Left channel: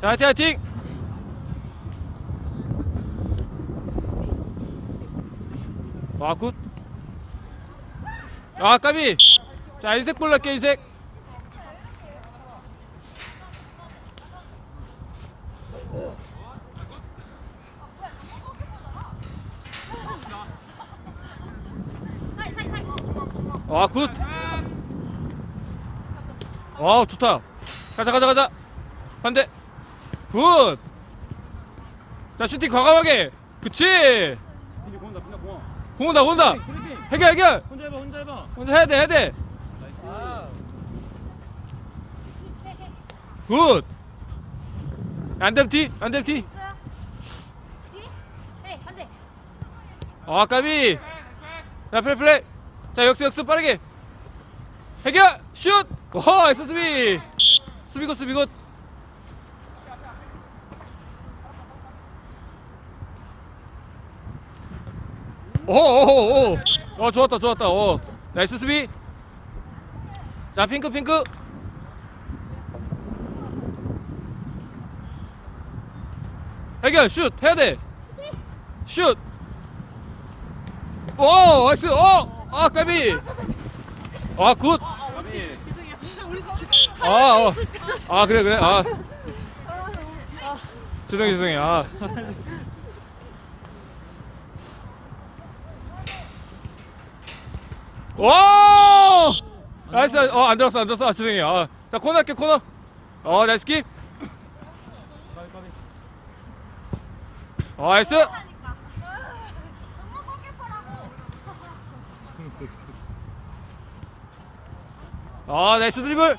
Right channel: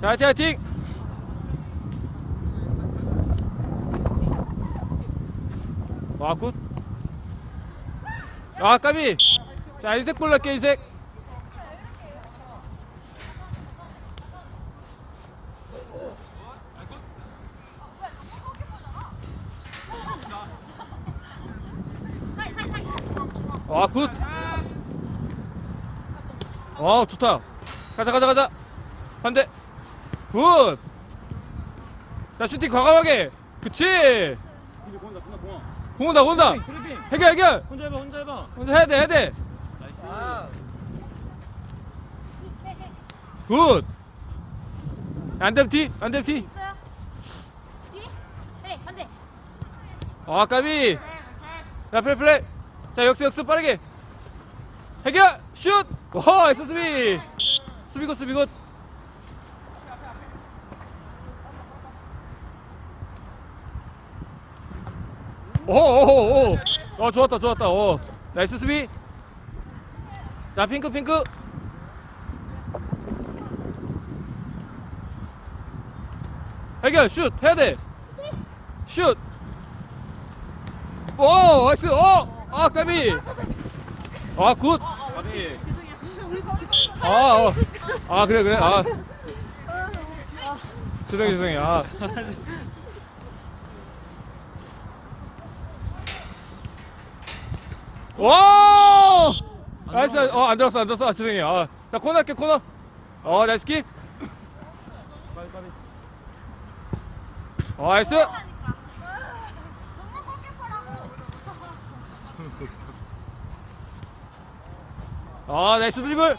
자, 화이팅, 화이팅! 와, 굿. 아, 까비. 자, 인색 볼 날게, 인색. 와, 굿. 와, 좋다. 가자, 가자, 가자. 반대. 굿. 자, 슈팅 과감하게. 그치. 근데 공다 공다 공아. 공 온다, 공 온다. 드리빙. 해결, 해결. 혼자 해봐 혼자 해봐. 먼저 해야 돼, 해야 돼. 굿. 안 되면 뒤, 안 되면 뒤. 아, 까비. 자, 플레이, 플레이. 자, 역수, 역수, 빠르게. 해결, 슛. 와, 나이스 수비. 수비 굿, 수비 굿. 오, 오, 오, 오. 어, 좋았다, 좋았다. 어. 나이스 수비. 자, 핑크, 핑크. 해결, 슛. 해야 돼. 슛. 오, 나이스. 어, 아, 까비. 아, 굿. 가비. 아, 어. 아, 그래, 그래. 아. 죄송해, 죄송해. 아. 오! 나이스. 어, 안 들었어, 안 들었어. 아, 죄송해요. 아. 자, 코너 할게, 코너. 어, 나이스 킵. 어, 나이스. 아, 나이스 드리블.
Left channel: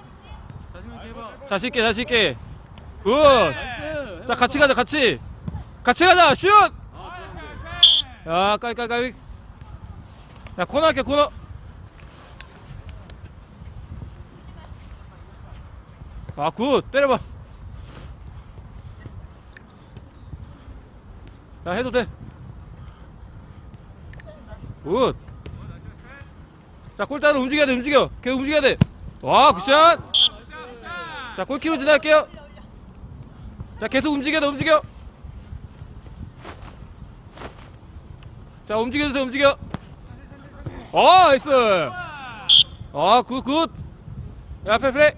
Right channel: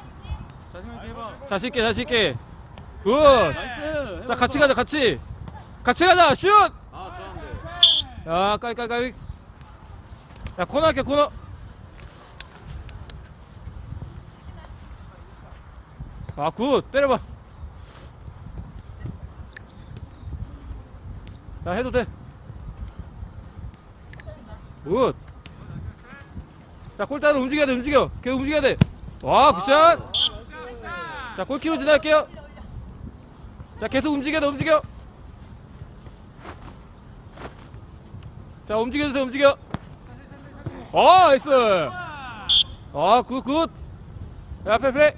자신 있게 해봐. 자신 있게, 자신 있게. 굿. 자, 같이 가자, 같이. 같이 가자, 슛! 아 까이, 까이, 까이. 야, 코너 할게, 코너. 아, 굿. 때려봐. 야, 해도 돼. 굿. 자, 골대로 움직여야 돼, 움직여. 계속 움직여야 돼. 와, 굿샷. 자, 골키로 지나갈게요. 자, 계속 움직여야 돼, 움직여. 자 움직여주세요 움직여 어 나이스 어굿굿 앞에 플레이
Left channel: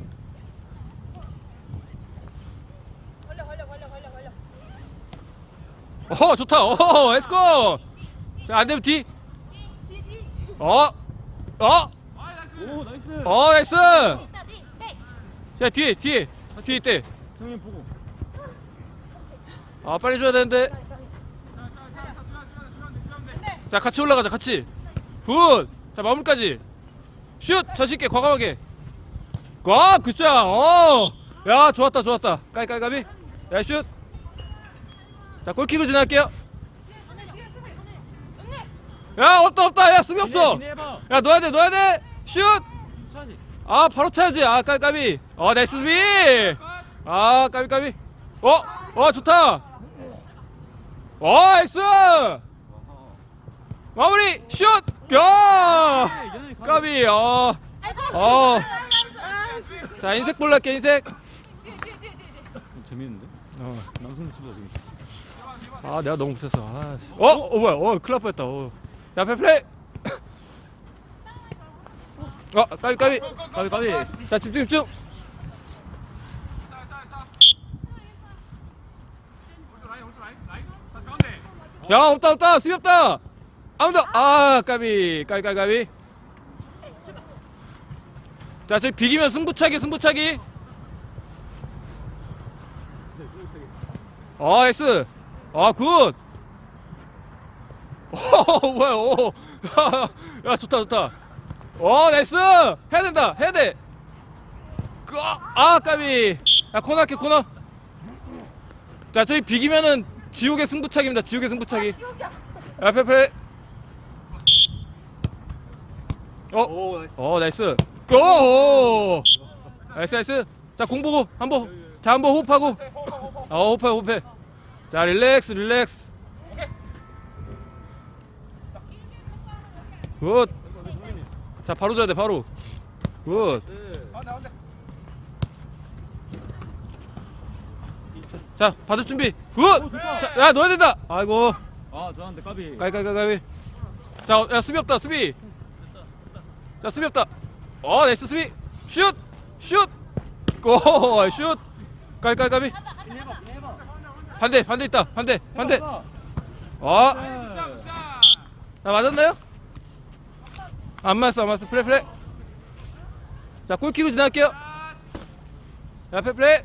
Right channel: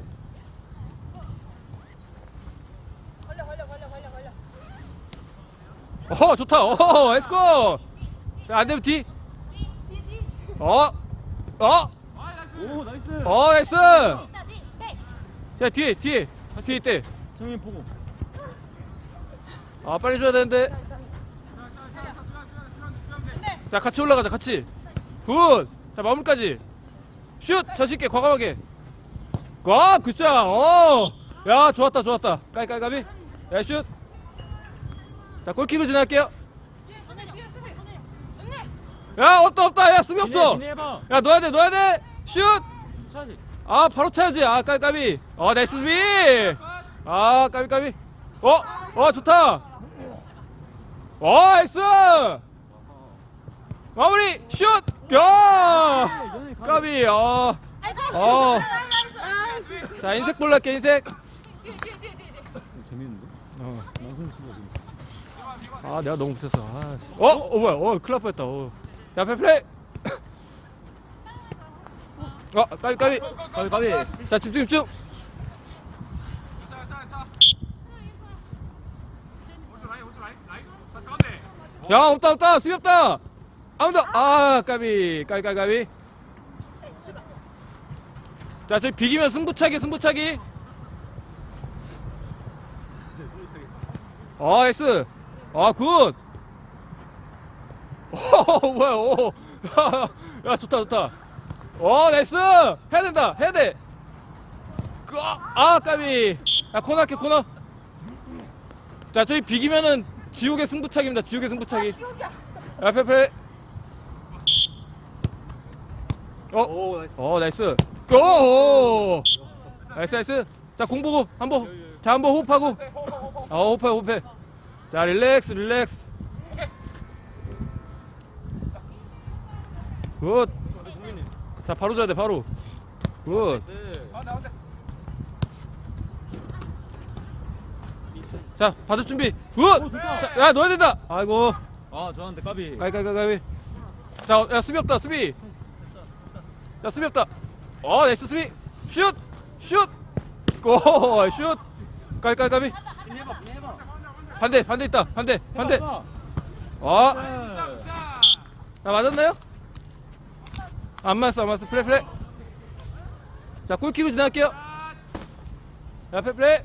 어 좋다. 어 렛츠고 자 안되면 뒤. 어? 어? 오 나이스. 어 나이스. 야 뒤에 뒤에. 뒤에 있대. 승인 보고. 아 빨리 줘야 되는데. 자 같이 올라가자 같이. 굿자 마무리까지. 슛! 자신있게 과감하게. 와 굿샷! 어야 좋았다 좋았다. 깔깔깔이? 야슛 자 골키로 지나갈게요. 야 없다 없다 야 수비 없어 준비 해봐. 야 넣어야 돼 넣어야 돼슛아. 바로 차야지 아 깔깔이 어 나이스 수비 아 까비 까비 어어 좋다 어 나이스 마무리 슛! 야! 연이 가비. 까비, 어. 어. 자, 인색 볼랄게, 인색. 재밌는데? 어. 아, 내가 너무 못했어. 아, 씨. 어? 어, 뭐야. 어, 큰일 날 뻔했다. 어. 야, 앞에 플레이. 어, 까비, 까비. 가비 가비. 자, 집중, 집중. 야, 없다, 없다. 수비 없다. 아무도, 아, 까비. 까비, 까비, 까비. 자, 저기 비기면 승부차기, 승부차기. 아, S. 아, 굿. 오, 뭐야, 오. 야, 야, 좋다, 좋다. 오, 나이스. 해야 된다, 해야 돼. 그, 아, 까비. 야, 코너 할게, 코너. 자, 저희 비기면은 지옥의 승부차기입니다, 지옥의 승부차기. 야, 페페. 어, 오 나이스. 어, 나이스. 고! 나이스, 나이스. 자, 공 보고, 한 번. 자, 한 번 호흡하고. 어, 호흡해, 호흡해. 자, 릴렉스, 릴렉스. 굿. 자, 바로 줘야 돼, 바로. 굿. 자 받을 준비. 굿자야 넣어야 된다. 아이고. 아 저한테 까비. 가위 가위 가위 자야 수비 없다 수비. 자 수비 없다. 어 나이스 수비. 슛 슛 골슛. 가위 가위 가위 반대 반대 있다 반대 반대 어 아, 맞았나요? 안 맞았어, 안 맞았어. 플레이, 플레이. 자, 골키로 지나갈게요. 자, 플레이, 플레이.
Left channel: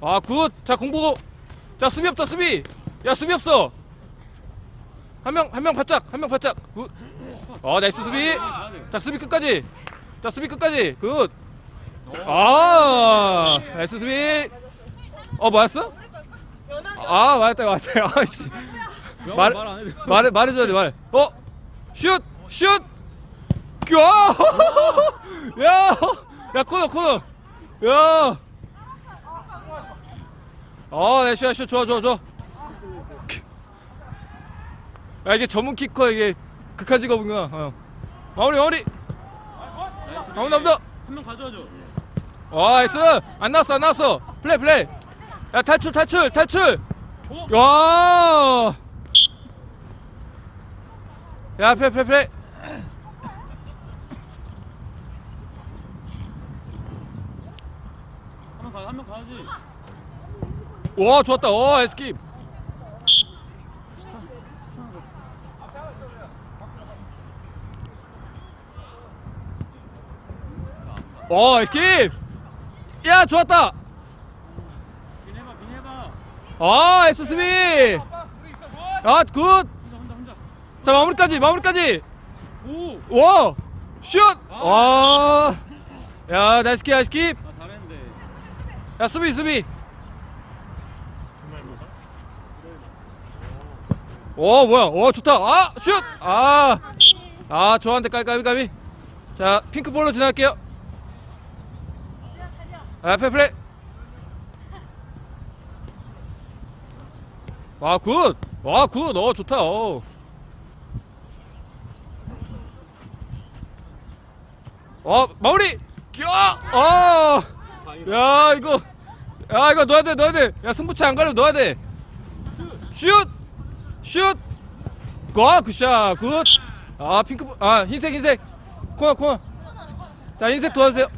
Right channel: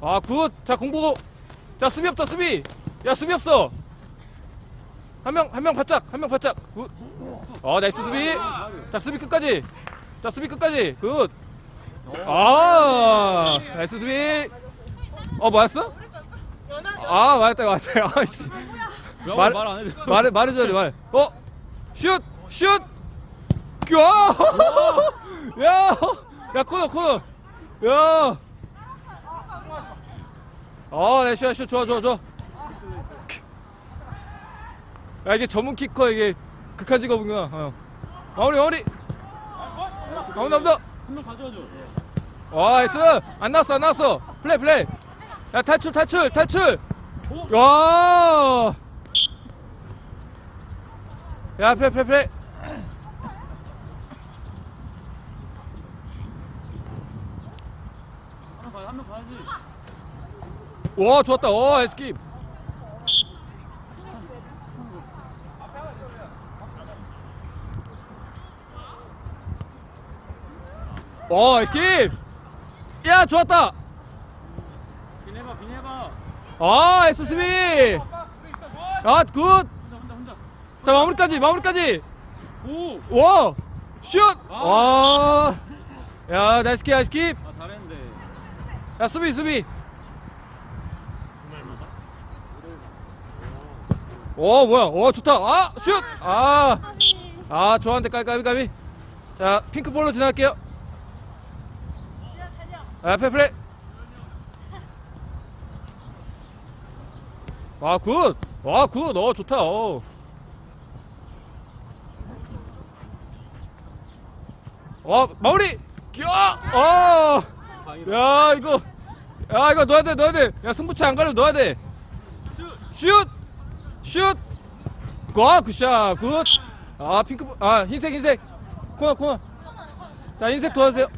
아, 굿. 자, 공보고. 자, 수비 없다, 수비. 야, 수비 없어. 한 명, 한 명 바짝, 한 명 바짝. 굿. 어, 나이스 수비. 자, 수비 끝까지. 자, 수비 끝까지. 굿. 아, 나이스 수비. 어, 맞았어? 아, 맞았다, 맞았다. 아씨. 말- 말안 해도 말해 말해줘야 돼 말. 어, 슛, 슛. 야, 야, 야 코너 코너. 야. 어, 네, 슛, 슛, 좋아, 좋아, 좋아. 야 이게 전문 키커 이게 극한 직업인가? 어. 마무리, 마무리. 마무리, 마무리. 한명 가져와줘 와, 나이스. 안 나왔어, 안 나왔어. 플레이, 플레이. 야 탈출, 탈출, 탈출. 와. 야, 플레이, 플레이, 와, 좋았다. 와, 에스킵. 와, 에스킵. 야, 좋았다. 아, SSB. 아, 굿. 혼자 혼자 혼자 자, 마무리까지, 마무리까지. 오! 와, 슛. 와. 야, 나이스 킵, 나이스 킵. 아 잘했는데 야, 수비, 수비. 오, 뭐야. 오, 좋다. 아, 슛. 아. 아, 좋아한데 까비, 까비. 자, 핑크볼로 지나갈게요. 아, 페플레. 와, 굿. 와, 굿. 어, 좋다. 어. 어, 마무리. 야, 어. 야, 이거. 야, 이거 넣어야 돼, 넣어야 돼. 야, 승부차 안 가려면 넣어야 돼. 슛! 슛! 와, 굿샷, 굿! 아, 핑크, 아, 흰색, 흰색. 코너, 코너. 자, 흰색 도와주세요.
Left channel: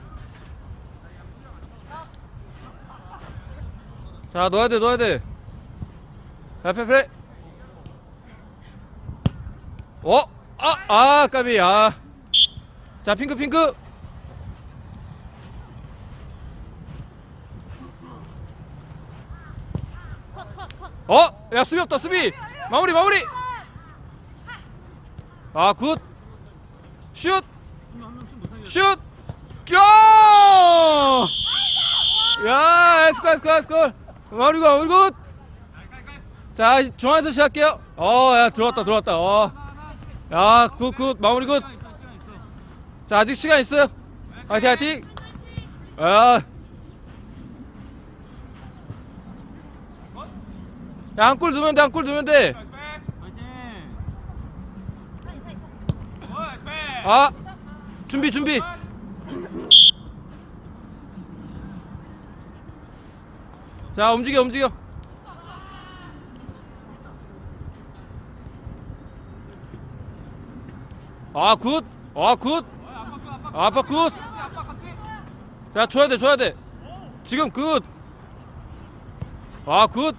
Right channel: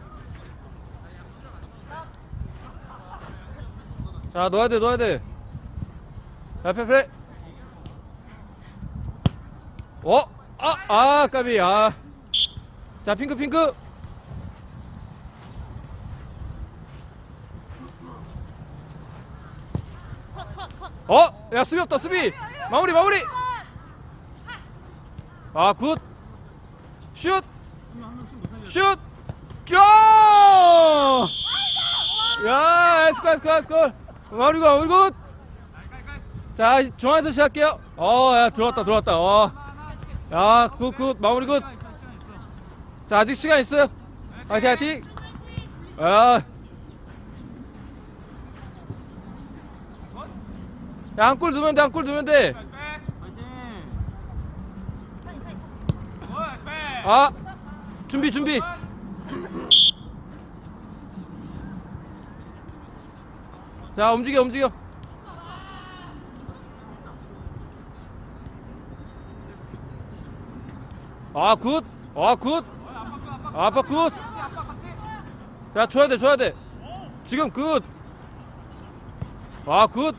자, 넣어야 돼, 넣어야 돼. 야, 페페. 어? 아, 아, 까비, 아. 자, 핑크, 핑크. 어? 야 수비 없다 수비 마무리 마무리 아 굿 슛! 슛! 야! 야, 에스콜, 에스콜, 에스콜. 마무리가, 마무리 굿! 자, 중앙에서 시작할게요. 어, 야, 들어왔다, 들어왔다. 어. 야, 굿, 굿, 마무리 굿. 자, 아직 시간 있어요. 화이팅, 화이팅. 야. 야, 한골 넣으면 돼, 한골 넣으면 돼. 아, 준비, 준비. 자, 움직여, 움직여. 아, 굿. 아, 굿. 아, 아빠 굿. 야, 줘야 돼, 줘야 돼. 지금 굿. 아, 굿.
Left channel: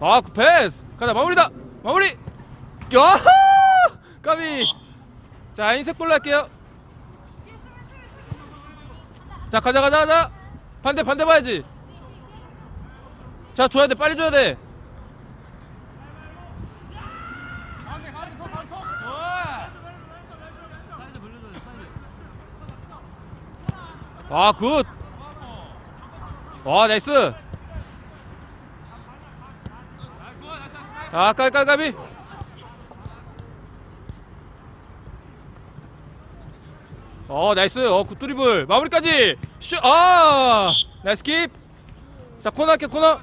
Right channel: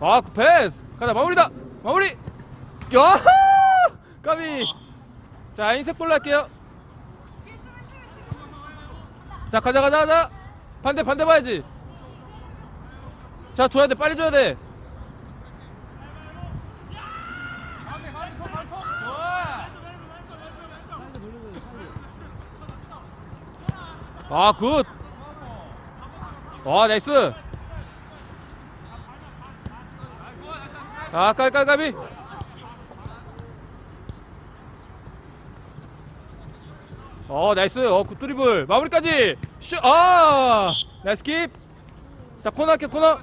아, 그 패스. 가자, 마무리다. 마무리. 야! 까비. 자, 흰색 볼로 할게요. 자, 가자, 가자, 가자. 반대, 반대 봐야지. 자, 줘야 돼. 빨리 줘야 돼. 아, 굿. 와, 나이스. 아, 까비, 까비, 까비. 어, 나이스. 어, 굿 드리블. 마무리까지. 슛. 아! 나이스 킵. 자, 코너 할게, 코너.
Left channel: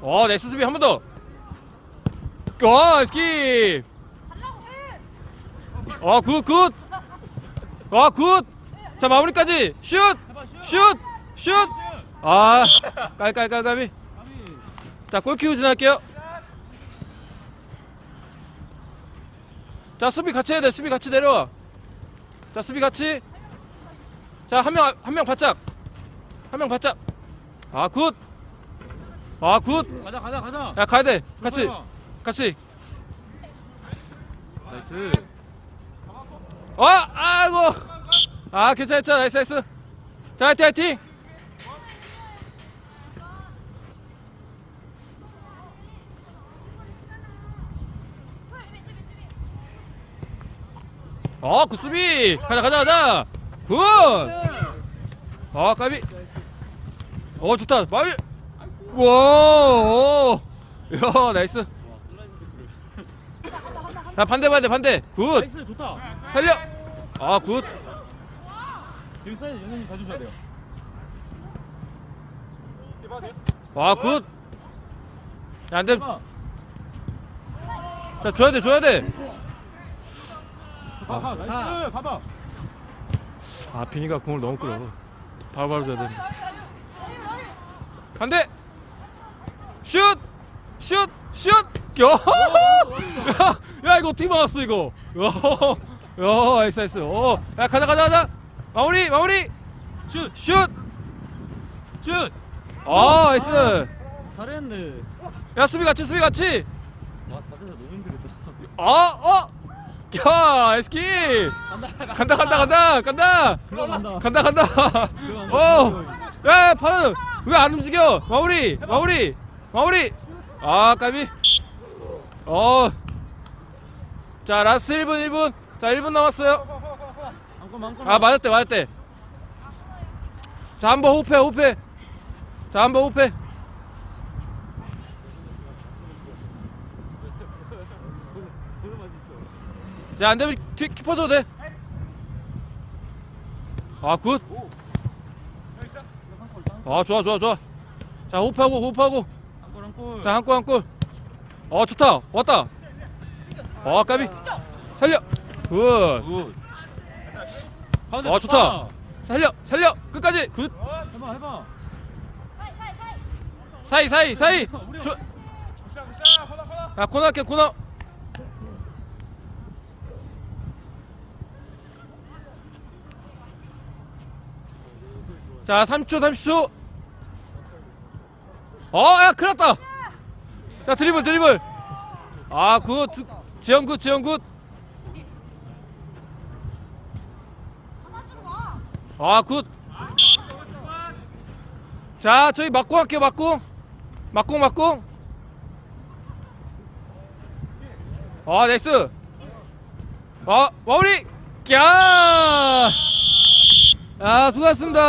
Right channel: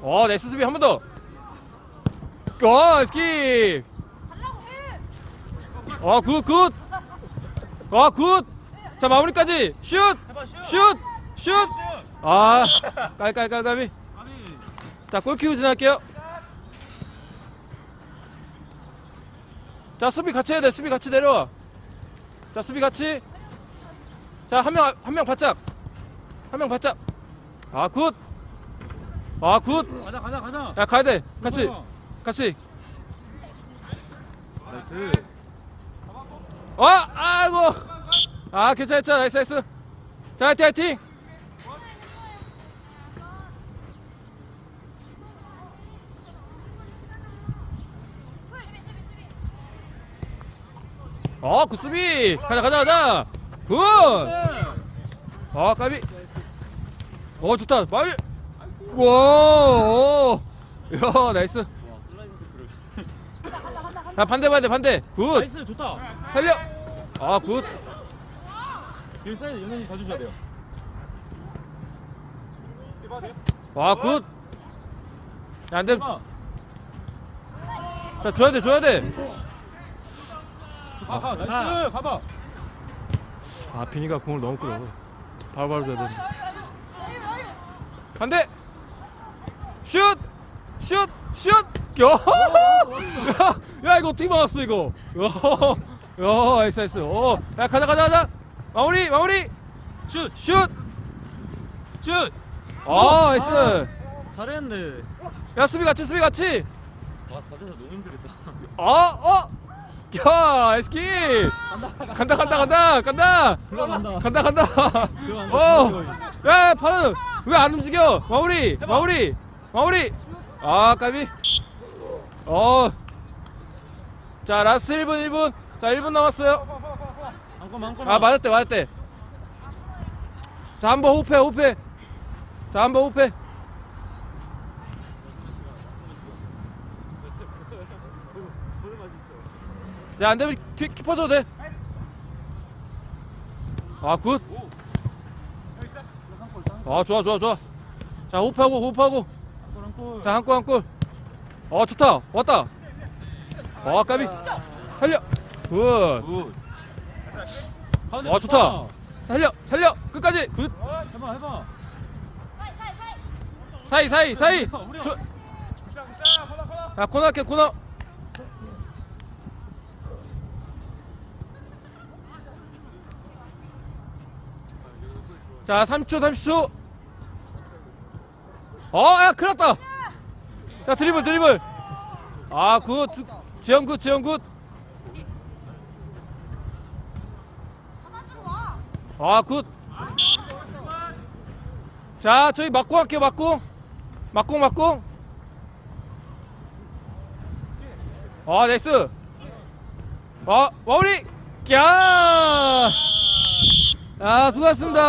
어, 나이스 수비 한 번 더. 어, 나이스 킵. 달라고 어, 굿, 굿. 어, 굿. 자, 마무리까지. 슛! 슛 슛! 아, 깔깔깔깔이. 자, 골키우 지날게요. 자, 수비 같이 해야 돼. 수비 같이 내려와. 자, 수비 같이. 자, 한 명, 한 명 바짝. 한 명 바짝. 아, 굿. 아, 굿. 가자 가자 가자 야, 가야 돼. 같이. 같이. 나이스 어! 아이고! 아, 괜찮아, 괜찮아. 나이스, 나이스. 자, 화이팅, 화이팅! 어, 굿수비! 가자, 가자, 가자! 굿! 어, 까비! 어, 좋다. 마비! 와! 오! 야, 나이스. 자, 반대, 반대, 반대. 굿! 나이스 좋다 살려! 아, 굿! 길 사이드 연예인 봐주셔야 돼요 와, 굿! 야, 안 돼. 자, 줘야 돼, 줘야 돼. 아 나이스 가봐 아, 비니가 공을 너무 끌어. 바로바로 줘야 돼. 한 대! 슛! 슛! 슛! 야! 이거 어떻게 막았어, 이거? 야, 야, 나이스, 나이스. 어, 야, 가자, 가자, 가자! 마무리, 마무리! 슛! 슛! 슛! 아, 나이스! 잘했는데 야, 수비 같이, 수비 같이! 와 4대사 너무 힘들겠다 어, 어! 야, 에스키! 간다, 간다, 간다, 간다! 들어간다 간다, 간다! 어! 야, 파는! 왜안 움직여? 마무리! 마무리! 마무리! 아, 까비! 어! 자, 라스트 1분, 1분! 자, 1분 남았어요. 아, 맞았대, 맞았대. 자, 한번 호흡해, 호흡해. 자, 한번 호흡해. 자, 안 되면 키, 키퍼 줘도 돼. 아, 굿. 아, 좋아, 좋아, 좋아. 자, 호흡하고. 골 자, 한 골, 한 골. 어, 좋다. 왔다. 어, 까비. 살려. 굿. 어, 좋다. 살려, 살려. 끝까지. 굿. 해봐 해봐 사이, 사이, 사이. 저... 야, 코너 할게, 코너. 자, 3초, 30초. 어, 야, 큰일 났다. 자, 드리블, 드리블. 아, 굿. 지영 굿, 지영 굿. 아, 굿. 자, 저희 맞고 할게요, 맞고. 맞고, 맞고. 아, 나이스. 아, 마무리. 야! 아, 수고하셨습니다.